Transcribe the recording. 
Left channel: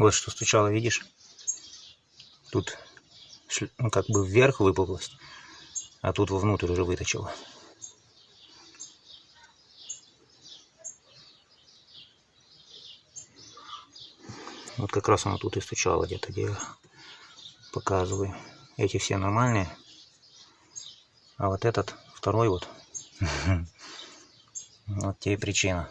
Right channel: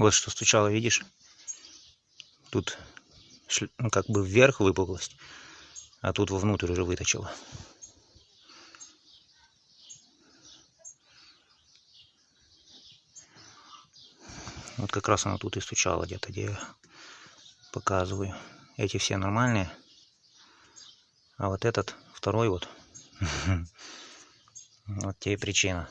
Вот что стучало, видишь? Тут как бы вверх выпуклость, а тут вовнутрь уже выточило. Вот как раз оно тут и стучало где-то, где я показываю. Эти все нормальные, а вот этот второй вот, вот те и причина.